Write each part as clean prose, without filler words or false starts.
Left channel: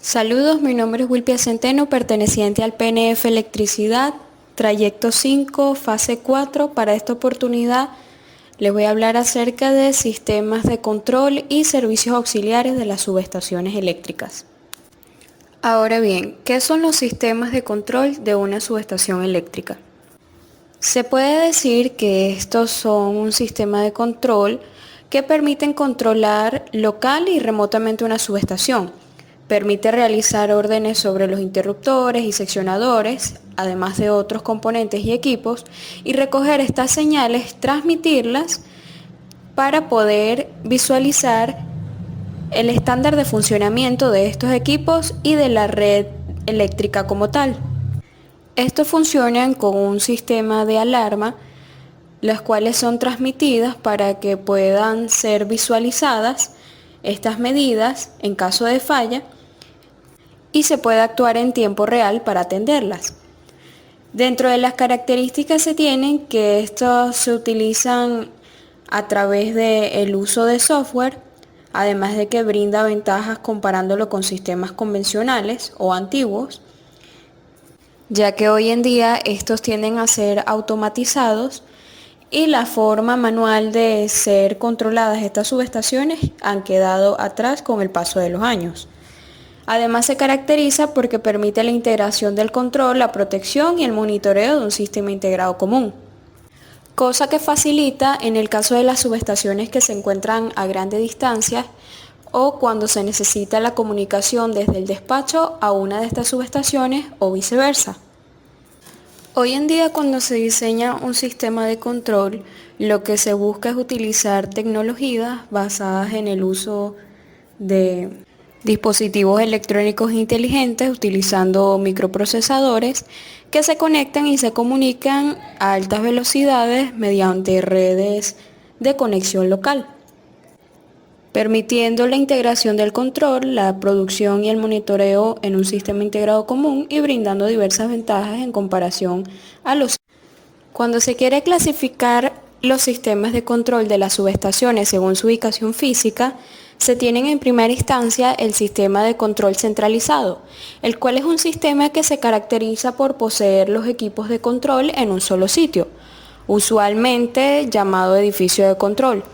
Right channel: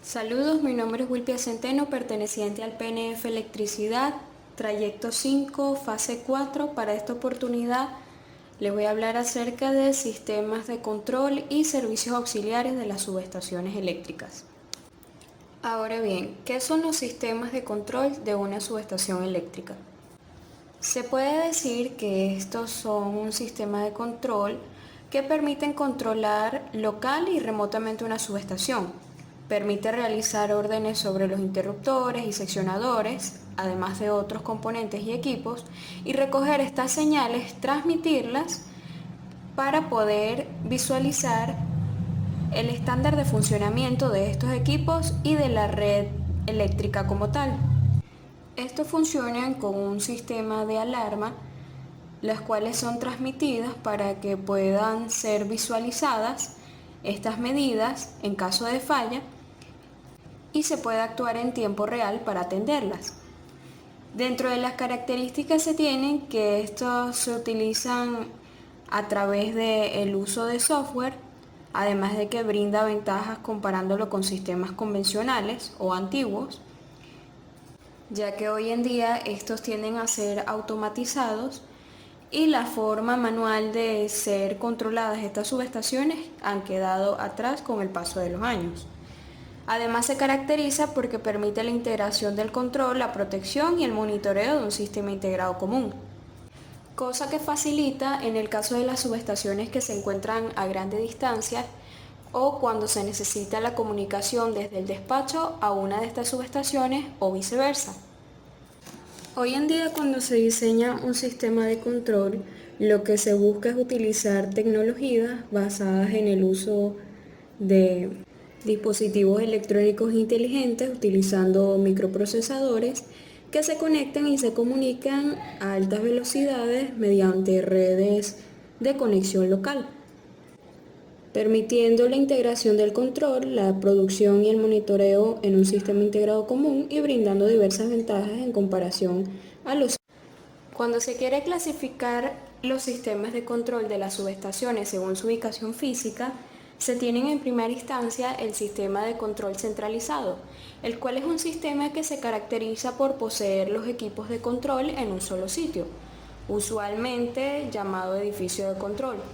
Saludos, mi nombre es Wilpia Centeno, perteneciente al PNF Electricidad, trayecto 5, fase 4. Para esta oportunidad les voy a hablar acerca de sistemas de control y servicios auxiliares de las subestaciones eléctricas. Ahora bien, ¿qué son los sistemas de control de una subestación eléctrica? Se puede decir que estos son un sistema de control que permiten controlar local y remotamente una subestación. Permite realizar órdenes sobre los interruptores y seccionadores, además de otros componentes y equipos, y recoger estas señales, transmitirlas para poder visualizar el estándar de funcionamiento de estos equipos y de la red eléctrica como tal. Estos funcionan con un sistema de alarma, las cuales son transmitidas para que puedan ser visualizadas estas medidas en caso de falla y se puede actuar en tiempo real para atenderlas. Dentro de las características se tienen que estos se utilizan a través del uso de software, además de que brinda ventajas comparándolo con sistemas convencionales o antiguos, ya que hoy en día estos tienden a ser automatizados y la forma manual de ser controladas estas subestaciones han quedado atrás con el paso de los años. Además se caracteriza porque permite la integración del control, la protección y el monitoreo de un sistema integrado común, cosa que facilita en el caso de las subestaciones que se encuentran a grande distancia o cuando se necesita la comunicación desde el despacho a una de estas subestaciones o viceversa. Hoy en día, cuando se diseña un sistema de control, lo que se busca es utilizar tecnologías basadas en el uso de dispositivos electrónicos inteligentes utilizando microprocesadores que se conectan y se comunican a altas velocidades mediante redes de conexión local, permitiendo la integración del control, la producción y el monitoreo en un sistema integrado común y brindando diversas ventajas en comparación a los. Cuando se quiere clasificar los sistemas de control de las subestaciones según su ubicación física, se tienen en primera instancia el sistema de control centralizado, el cual es un sistema que se caracteriza por poseer los equipos de control en un solo sitio, usualmente llamado edificio de control,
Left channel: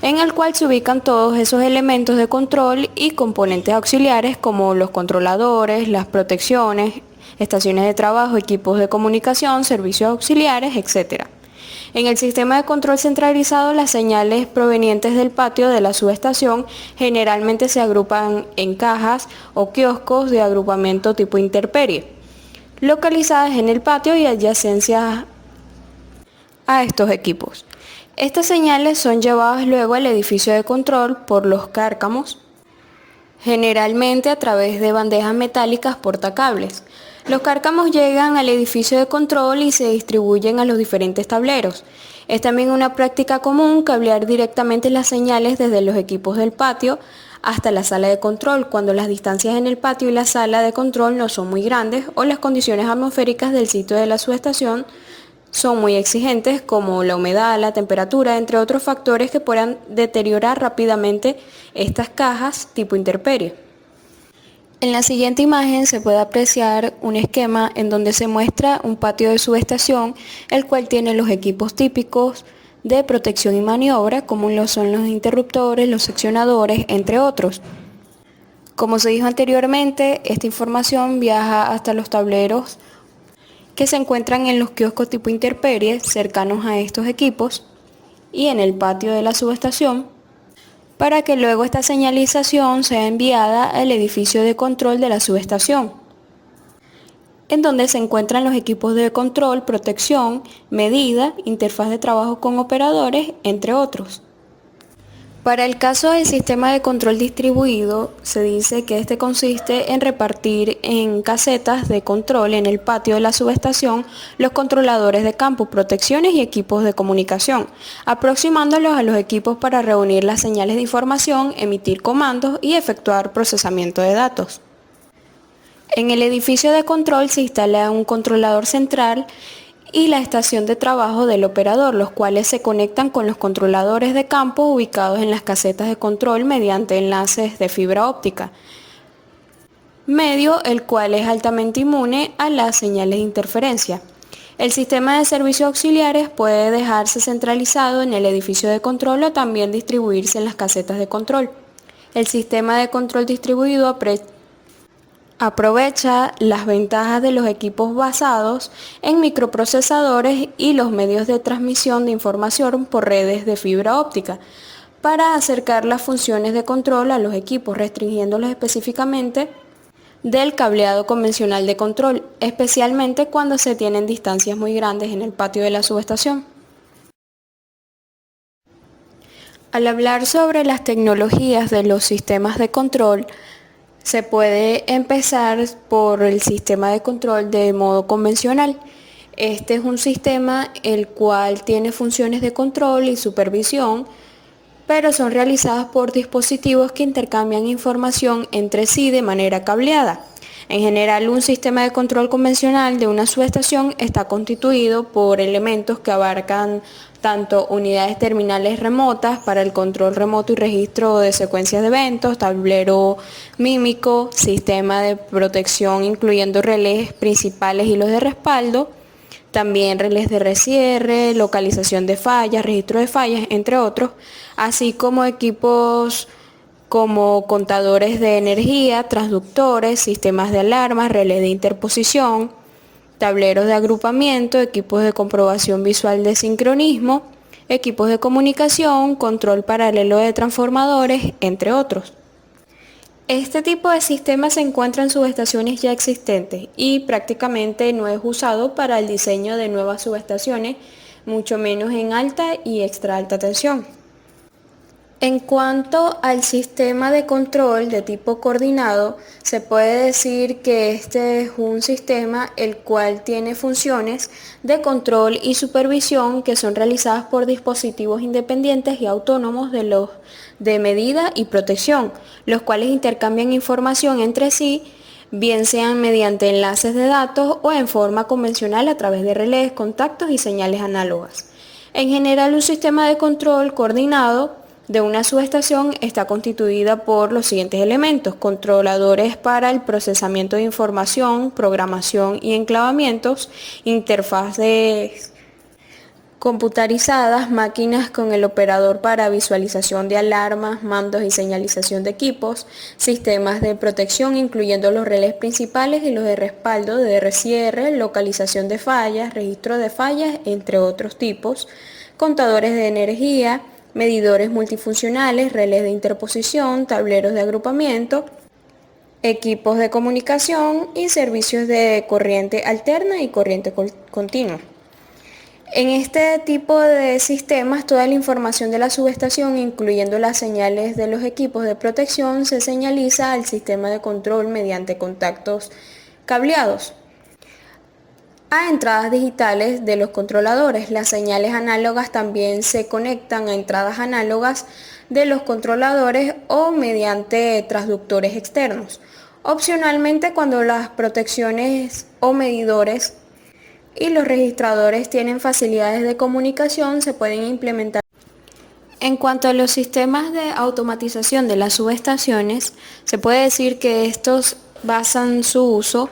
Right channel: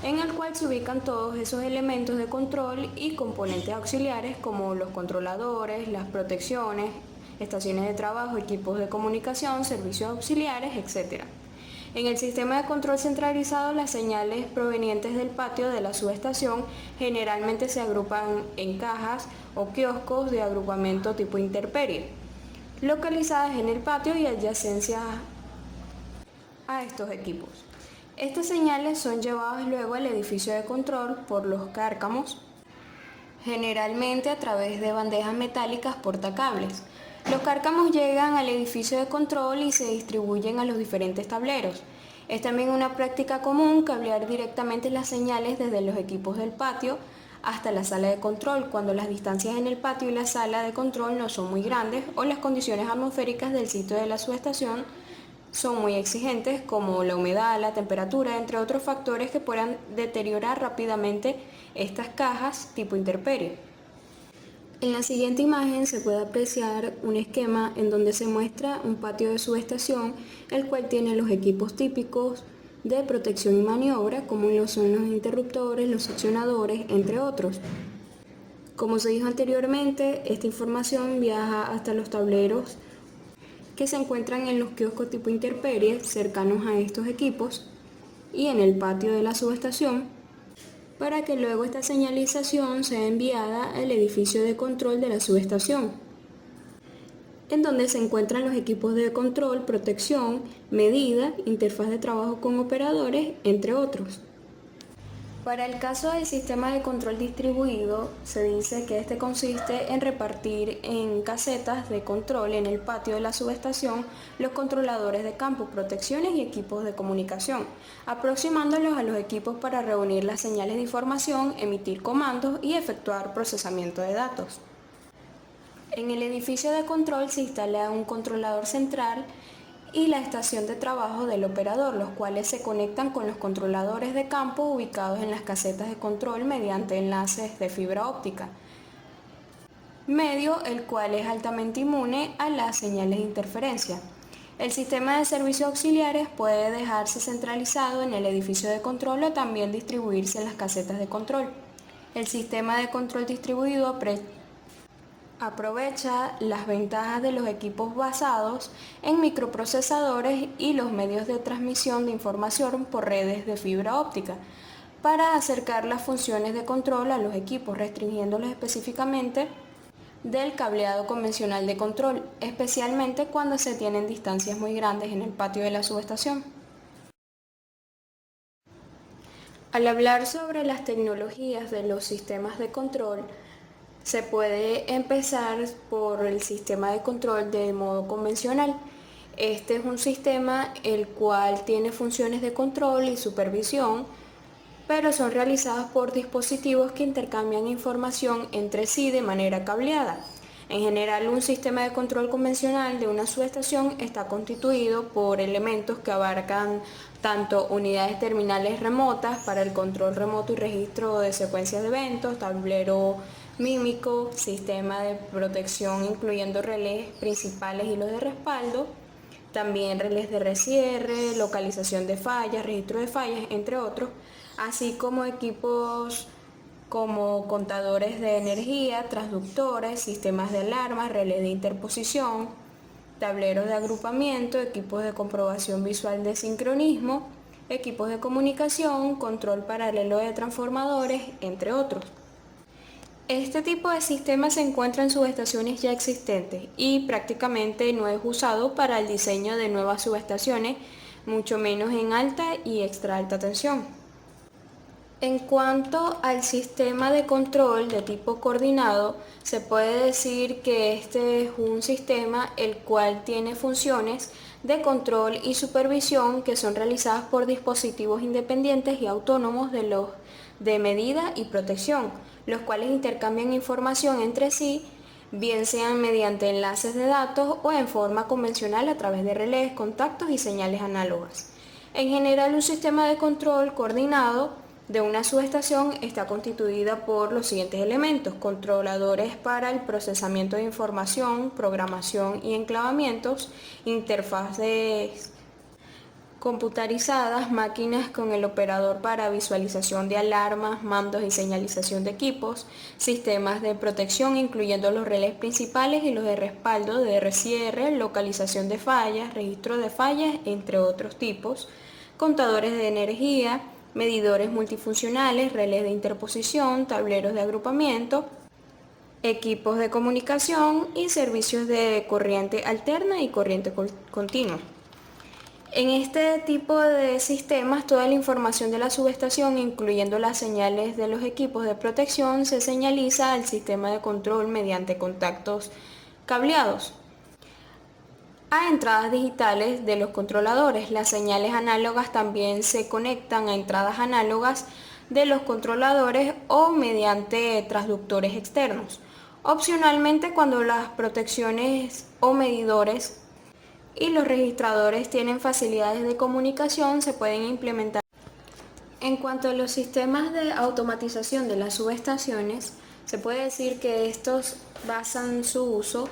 en el cual se ubican todos esos elementos de control y componentes auxiliares como los controladores, las protecciones, estaciones de trabajo, equipos de comunicación, servicios auxiliares, etc. En el sistema de control centralizado, las señales provenientes del patio de la subestación generalmente se agrupan en cajas o kioscos de agrupamiento tipo intemperie, localizadas en el patio y adyacencias a estos equipos. Estas señales son llevadas luego al edificio de control por los cárcamos, generalmente a través de bandejas metálicas portacables. Los cárcamos llegan al edificio de control y se distribuyen a los diferentes tableros. Es también una práctica común cablear directamente las señales desde los equipos del patio hasta la sala de control, cuando las distancias en el patio y la sala de control no son muy grandes o las condiciones atmosféricas del sitio de la subestación son muy exigentes, como la humedad, la temperatura, entre otros factores que puedan deteriorar rápidamente estas cajas tipo intemperie. En la siguiente imagen se puede apreciar un esquema en donde se muestra un patio de subestación, el cual tiene los equipos típicos de protección y maniobra, como lo son los interruptores, los seccionadores, entre otros. Como se dijo anteriormente, esta información viaja hasta los tableros que se encuentran en los kioscos tipo intemperie cercanos a estos equipos y en el patio de la subestación, para que luego esta señalización sea enviada al edificio de control de la subestación, en donde se encuentran los equipos de control, protección, medida, interfaz de trabajo con operadores, entre otros. Para el caso del sistema de control distribuido, se dice que este consiste en repartir en casetas de control en el patio de la subestación los controladores de campo, protecciones y equipos de comunicación, aproximándolos a los equipos para reunir las señales de información, emitir comandos y efectuar procesamiento de datos. En el edificio de control se instala un controlador central y la estación de trabajo del operador, los cuales se conectan con los controladores de campo ubicados en las casetas de control mediante enlaces de fibra óptica. medio, el cual es altamente inmune a las señales de interferencia. El sistema de servicios auxiliares puede dejarse centralizado en el edificio de control o también distribuirse en las casetas de control. El sistema de control distribuido aprovecha las ventajas de los equipos basados en microprocesadores y los medios de transmisión de información por redes de fibra óptica para acercar las funciones de control a los equipos, restringiéndolos específicamente del cableado convencional de control, especialmente cuando se tienen distancias muy grandes en el patio de la subestación. Al hablar sobre las tecnologías de los sistemas de control, se puede empezar por el sistema de control de modo convencional. Este es un sistema el cual tiene funciones de control y supervisión, pero son realizadas por dispositivos que intercambian información entre sí de manera cableada. En general, un sistema de control convencional de una subestación está constituido por elementos que abarcan tanto unidades terminales remotas para el control remoto y registro de secuencias de eventos, tablero mímico, sistema de protección incluyendo relés principales y los de respaldo, también relés de recierre, localización de fallas, registro de fallas, entre otros, así como equipos como contadores de energía, transductores, sistemas de alarmas, relés de interposición, tableros de agrupamiento, equipos de comprobación visual de sincronismo, equipos de comunicación, control paralelo de transformadores, entre otros. Este tipo de sistemas se encuentra en subestaciones ya existentes y prácticamente no es usado para el diseño de nuevas subestaciones, mucho menos en alta y extra alta tensión. En cuanto al sistema de control de tipo coordinado, se puede decir que este es un sistema el cual tiene funciones de control y supervisión que son realizadas por dispositivos independientes y autónomos de medida y protección, los cuales intercambian información entre sí, bien sean mediante enlaces de datos o en forma convencional a través de relés, contactos y señales análogas. En general, un sistema de control coordinado de una subestación está constituida por los siguientes elementos: controladores para el procesamiento de información, programación y enclavamientos, interfaces computarizadas, máquinas con el operador para visualización de alarmas, mandos y señalización de equipos, sistemas de protección incluyendo los relés principales y los de respaldo de RCR, localización de fallas, registro de fallas, entre otros tipos, contadores de energía, medidores multifuncionales, relés de interposición, tableros de agrupamiento, equipos de comunicación y servicios de corriente alterna y corriente continua. En este tipo de sistemas, toda la información de la subestación, incluyendo las señales de los equipos de protección, se señaliza al sistema de control mediante contactos cableados a entradas digitales de los controladores. Las señales análogas también se conectan a entradas análogas de los controladores o mediante transductores externos. Opcionalmente, cuando las protecciones o medidores y los registradores tienen facilidades de comunicación, se pueden implementar. En cuanto a los sistemas de automatización de las subestaciones, se puede decir que estos basan su uso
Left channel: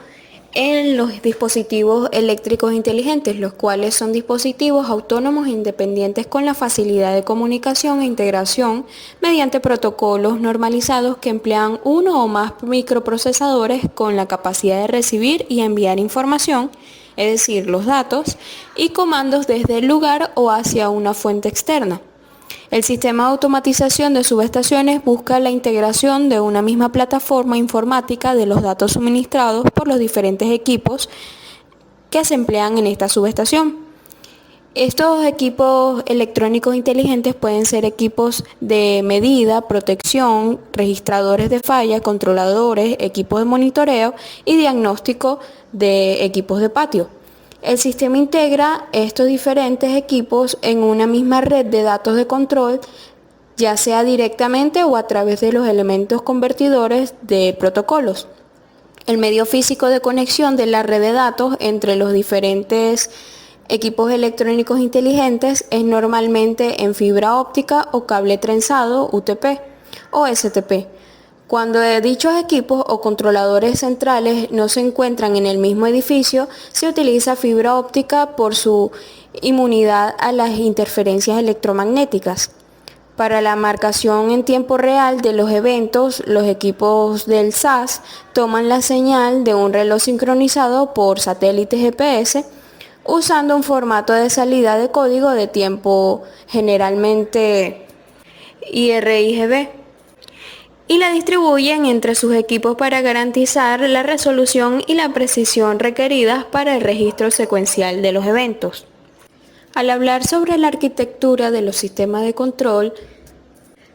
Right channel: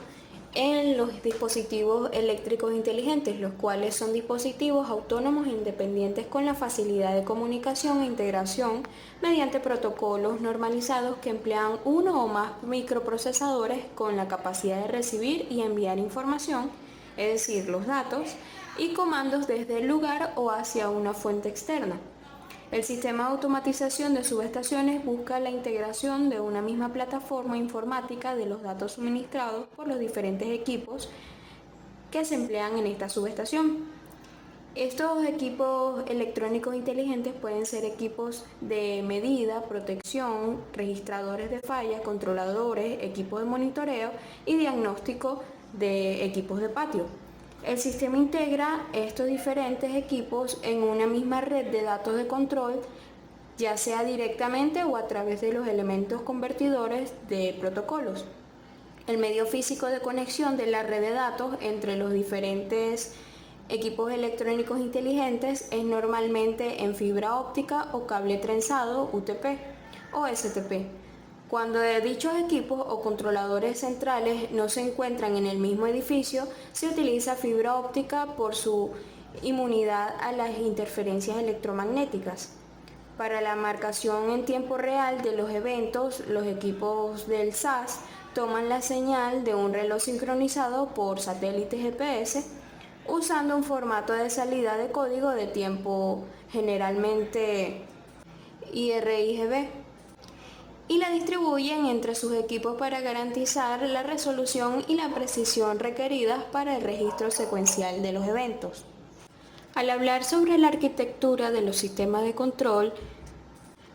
en los dispositivos eléctricos inteligentes, los cuales son dispositivos autónomos e independientes con la facilidad de comunicación e integración mediante protocolos normalizados que emplean uno o más microprocesadores con la capacidad de recibir y enviar información, es decir, los datos, y comandos desde el lugar o hacia una fuente externa. El sistema de automatización de subestaciones busca la integración de una misma plataforma informática de los datos suministrados por los diferentes equipos que se emplean en esta subestación. Estos equipos electrónicos inteligentes pueden ser equipos de medida, protección, registradores de falla, controladores, equipos de monitoreo y diagnóstico de equipos de patio. El sistema integra estos diferentes equipos en una misma red de datos de control, ya sea directamente o a través de los elementos convertidores de protocolos. El medio físico de conexión de la red de datos entre los diferentes equipos electrónicos inteligentes es normalmente en fibra óptica o cable trenzado UTP o STP, Cuando dichos equipos o controladores centrales no se encuentran en el mismo edificio, se utiliza fibra óptica por su inmunidad a las interferencias electromagnéticas. Para la marcación en tiempo real de los eventos, los equipos del SAS toman la señal de un reloj sincronizado por satélite GPS usando un formato de salida de código de tiempo, generalmente IRIGB, y la distribuyen entre sus equipos para garantizar la resolución y la precisión requeridas para el registro secuencial de los eventos. Al hablar sobre la arquitectura de los sistemas de control,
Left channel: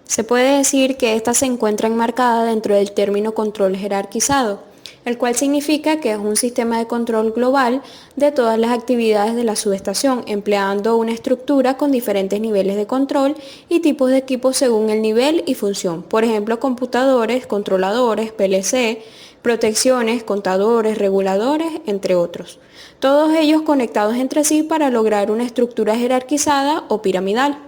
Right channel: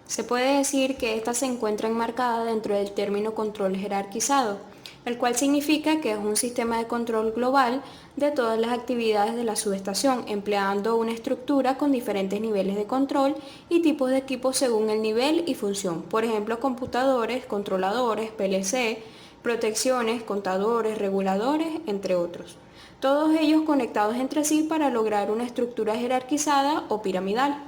se puede decir que ésta se encuentra enmarcada dentro del término control jerarquizado, el cual significa que es un sistema de control global de todas las actividades de la subestación, empleando una estructura con diferentes niveles de control y tipos de equipos según el nivel y función. Por ejemplo, computadores, controladores, PLC, protecciones, contadores, reguladores, entre otros. Todos ellos conectados entre sí para lograr una estructura jerarquizada o piramidal.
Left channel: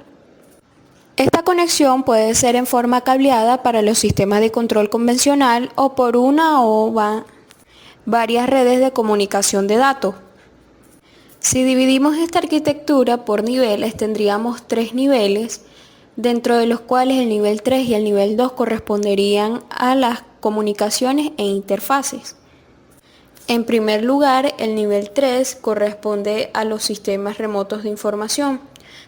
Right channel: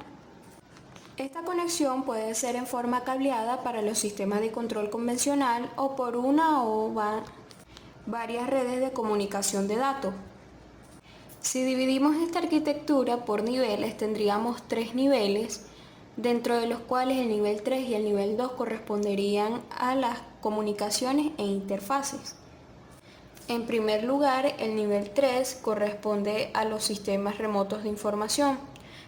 Esta conexión puede ser en forma cableada para los sistemas de control convencional o por una o varias redes de comunicación de datos. Si dividimos esta arquitectura por niveles, tendríamos 3 niveles, dentro de los cuales el nivel 3 y el nivel 2 corresponderían a las comunicaciones e interfaces. En primer lugar, el nivel 3 corresponde a los sistemas remotos de información,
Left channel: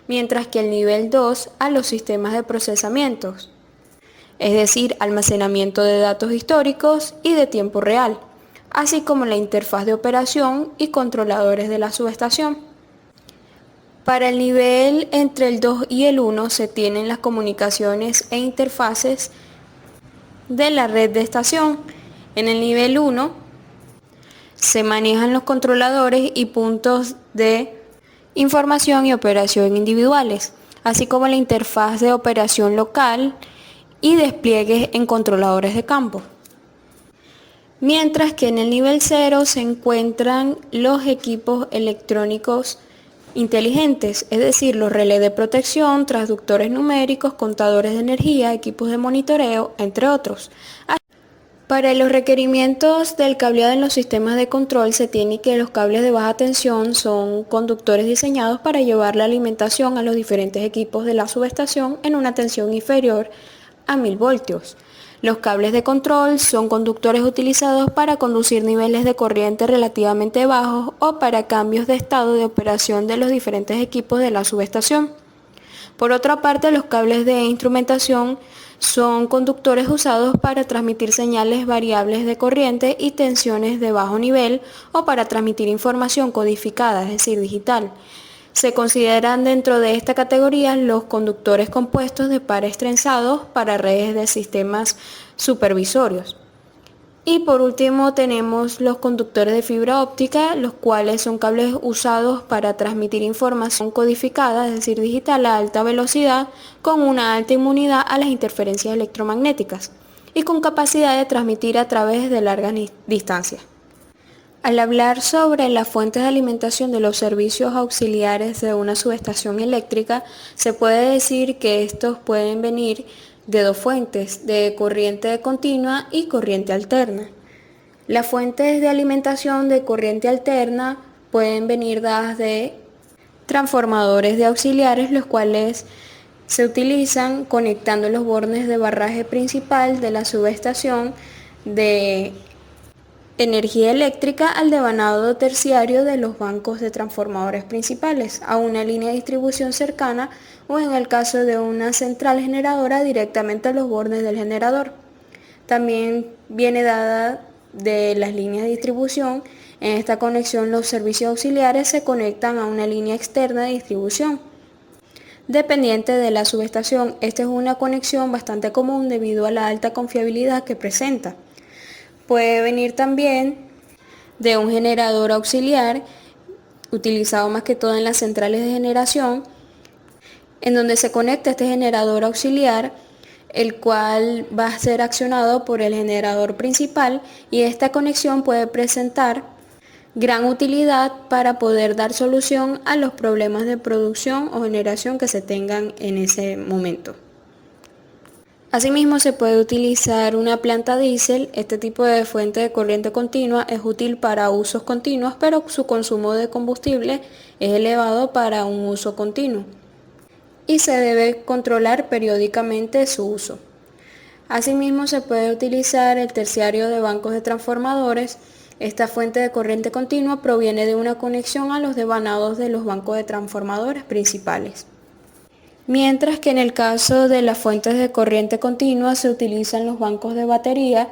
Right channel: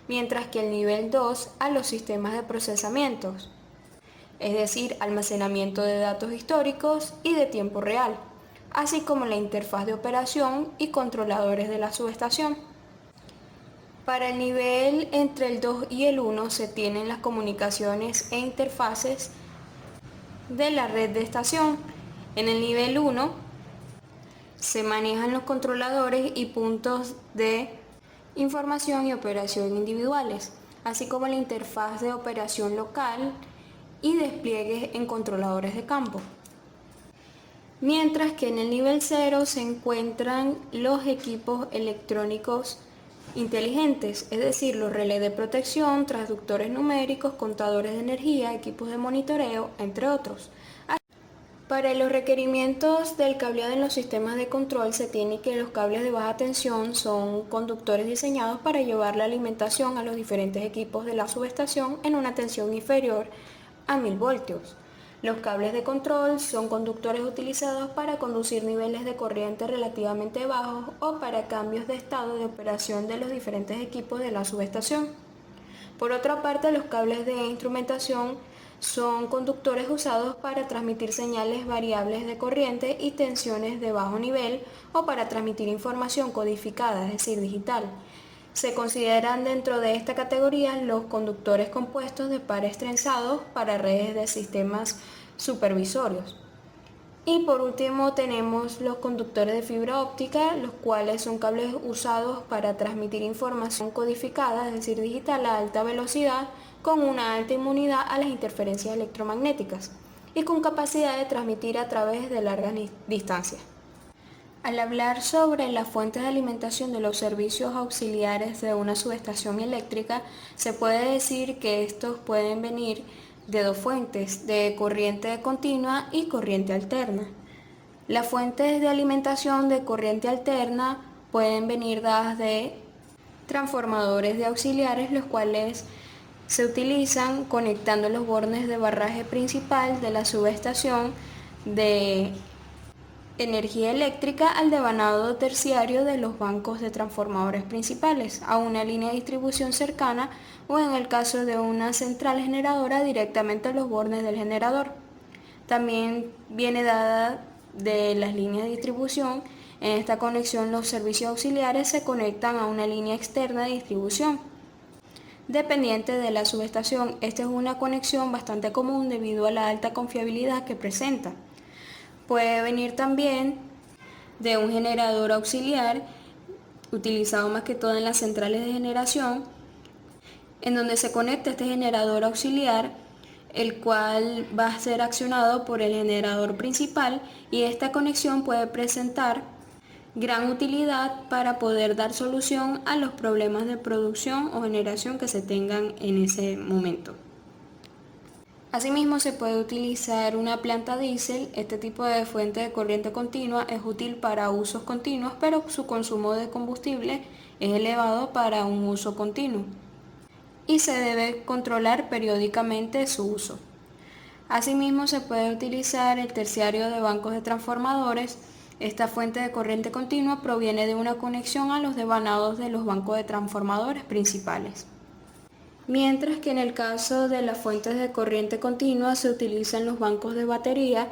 mientras que el nivel 2 a los sistemas de procesamiento, es decir, almacenamiento de datos históricos y de tiempo real, así como la interfaz de operación y controladores de la subestación. Para el nivel entre el 2 y el 1 se tienen las comunicaciones e interfaces de la red de estación. En el nivel 1 se manejan los controladores y puntos de información y operación individuales, así como la interfaz de operación local y despliegues en controladores de campo. Mientras que en el nivel 0 se encuentran los equipos electrónicos inteligentes, es decir, los relés de protección, transductores numéricos, contadores de energía, equipos de monitoreo, entre otros. Para los requerimientos del cableado en los sistemas de control se tiene que los cables de baja tensión son conductores diseñados para llevar la alimentación a los diferentes equipos de la subestación en una tensión inferior a 1000 voltios. Los cables de control son conductores utilizados para conducir niveles de corriente relativamente bajos o para cambios de estado de operación de los diferentes equipos de la subestación. Por otra parte, los cables de instrumentación son conductores usados para transmitir señales variables de corriente y tensiones de bajo nivel o para transmitir información codificada, es decir, digital. Se consideran dentro de esta categoría los conductores compuestos de pares trenzados para redes de sistemas supervisorios. Y por último tenemos los conductores de fibra óptica, los cuales son cables usados para transmitir información codificada, es decir, digital a alta velocidad, con una alta inmunidad a las interferencias electromagnéticas y con capacidad de transmitir a través de largas distancias. Al hablar sobre las fuentes de alimentación de los servicios auxiliares de una subestación eléctrica, se puede decir que estos pueden venir de dos fuentes, de corriente continua y corriente alterna. Las fuentes de alimentación de corriente alterna pueden venir dadas de transformadores de auxiliares, los cuales se utilizan conectando los bornes de barraje principal de la subestación de energía eléctrica al devanado terciario de los bancos de transformadores principales, a una línea de distribución cercana o en el caso de una central generadora directamente a los bornes del generador. También viene dada de las líneas de distribución. En esta conexión los servicios auxiliares se conectan a una línea externa de distribución dependiente de la subestación. Esta es una conexión bastante común debido a la alta confiabilidad que presenta. Puede venir también de un generador auxiliar, utilizado más que todo en las centrales de generación, en donde se conecta este generador auxiliar, el cual va a ser accionado por el generador principal, y esta conexión puede presentar gran utilidad para poder dar solución a los problemas de producción o generación que se tengan en ese momento. Asimismo, se puede utilizar una planta diésel. Este tipo de fuente de corriente continua es útil para usos continuos, pero su consumo de combustible es elevado para un uso continuo y se debe controlar periódicamente su uso. Asimismo, se puede utilizar el terciario de bancos de transformadores. Esta fuente de corriente continua proviene de una conexión a los devanados de los bancos de transformadores principales. Mientras que en el caso de las fuentes de corriente continua se utilizan los bancos de batería,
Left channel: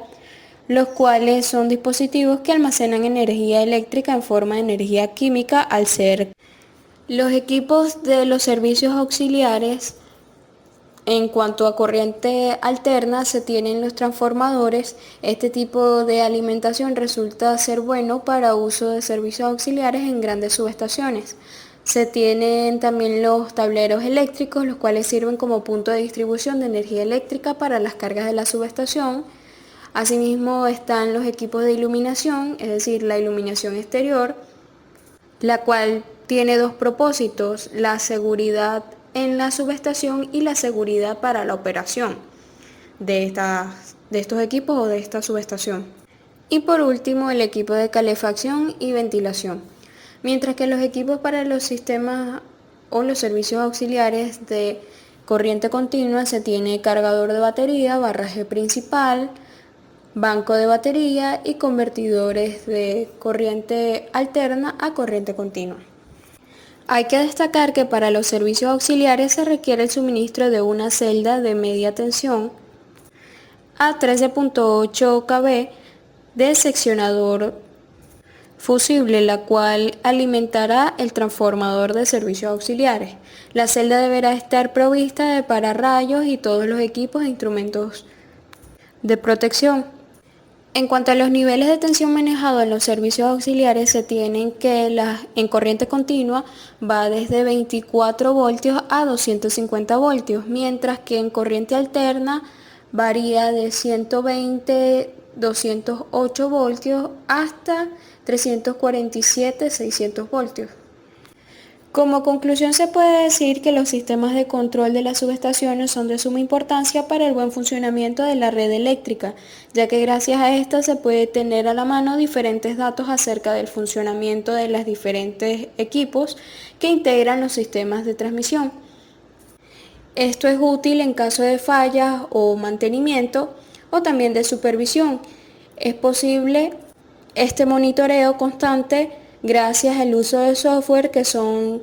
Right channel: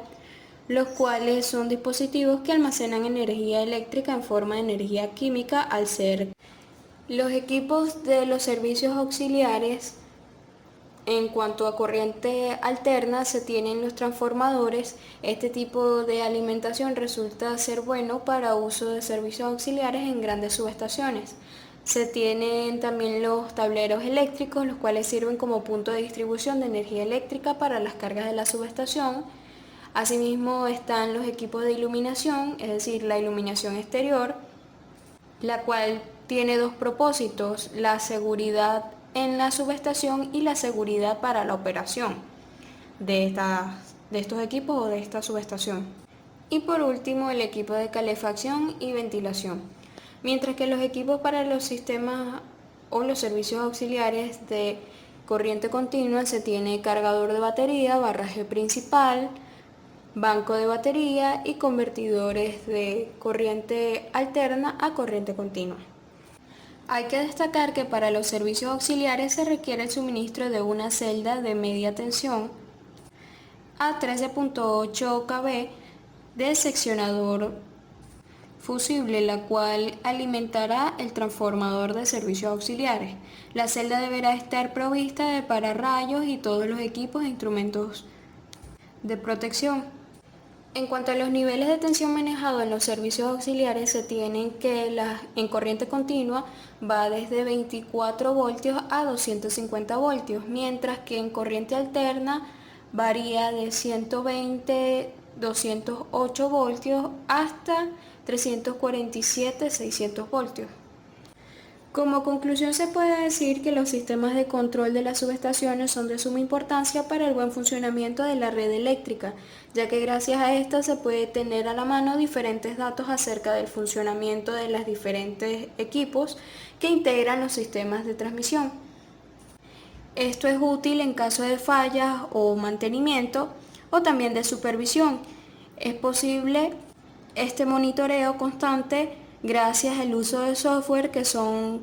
los cuales son dispositivos que almacenan energía eléctrica en forma de energía química al ser. Los equipos de los servicios auxiliares. En cuanto a corriente alterna, se tienen los transformadores. Este tipo de alimentación resulta ser bueno para uso de servicios auxiliares en grandes subestaciones. Se tienen también los tableros eléctricos, los cuales sirven como punto de distribución de energía eléctrica para las cargas de la subestación. Asimismo están los equipos de iluminación, es decir, la iluminación exterior, la cual tiene dos propósitos: la seguridad en la subestación y la seguridad para la operación de estos equipos o de esta subestación. Y por último, el equipo de calefacción y ventilación. Mientras que los equipos para los sistemas o los servicios auxiliares de corriente continua se tiene cargador de batería, barraje principal, banco de batería y convertidores de corriente alterna a corriente continua. Hay que destacar que para los servicios auxiliares se requiere el suministro de una celda de media tensión a 13.8 kV de seccionador fusible, la cual alimentará el transformador de servicios auxiliares. La celda deberá estar provista de pararrayos y todos los equipos e instrumentos de protección. En cuanto a los niveles de tensión manejados en los servicios auxiliares, se tienen que en corriente continua va desde 24 voltios a 250 voltios, mientras que en corriente alterna varía de 120, 208 voltios hasta 347, 600 voltios. Como conclusión, se puede decir que los sistemas de control de las subestaciones son de suma importancia para el buen funcionamiento de la red eléctrica, ya que gracias a esta se puede tener a la mano diferentes datos acerca del funcionamiento de los diferentes equipos que integran los sistemas de transmisión. Esto es útil en caso de fallas o mantenimiento o también de supervisión. Es posible este monitoreo constante gracias al uso de software que son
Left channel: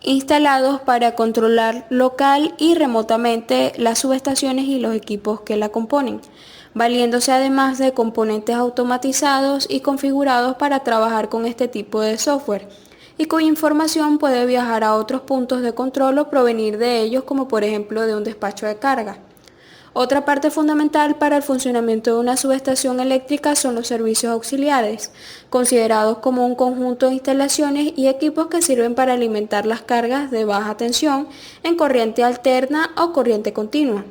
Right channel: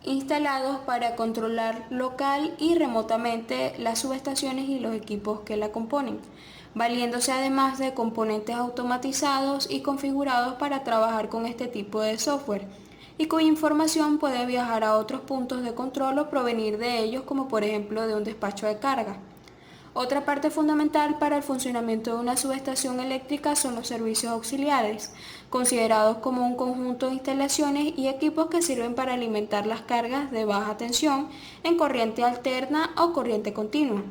instalados para controlar local y remotamente las subestaciones y los equipos que la componen, valiéndose además de componentes automatizados y configurados para trabajar con este tipo de software, y cuya información puede viajar a otros puntos de control o provenir de ellos, como por ejemplo de un despacho de carga. Otra parte fundamental para el funcionamiento de una subestación eléctrica son los servicios auxiliares, considerados como un conjunto de instalaciones y equipos que sirven para alimentar las cargas de baja tensión en corriente alterna o corriente continua.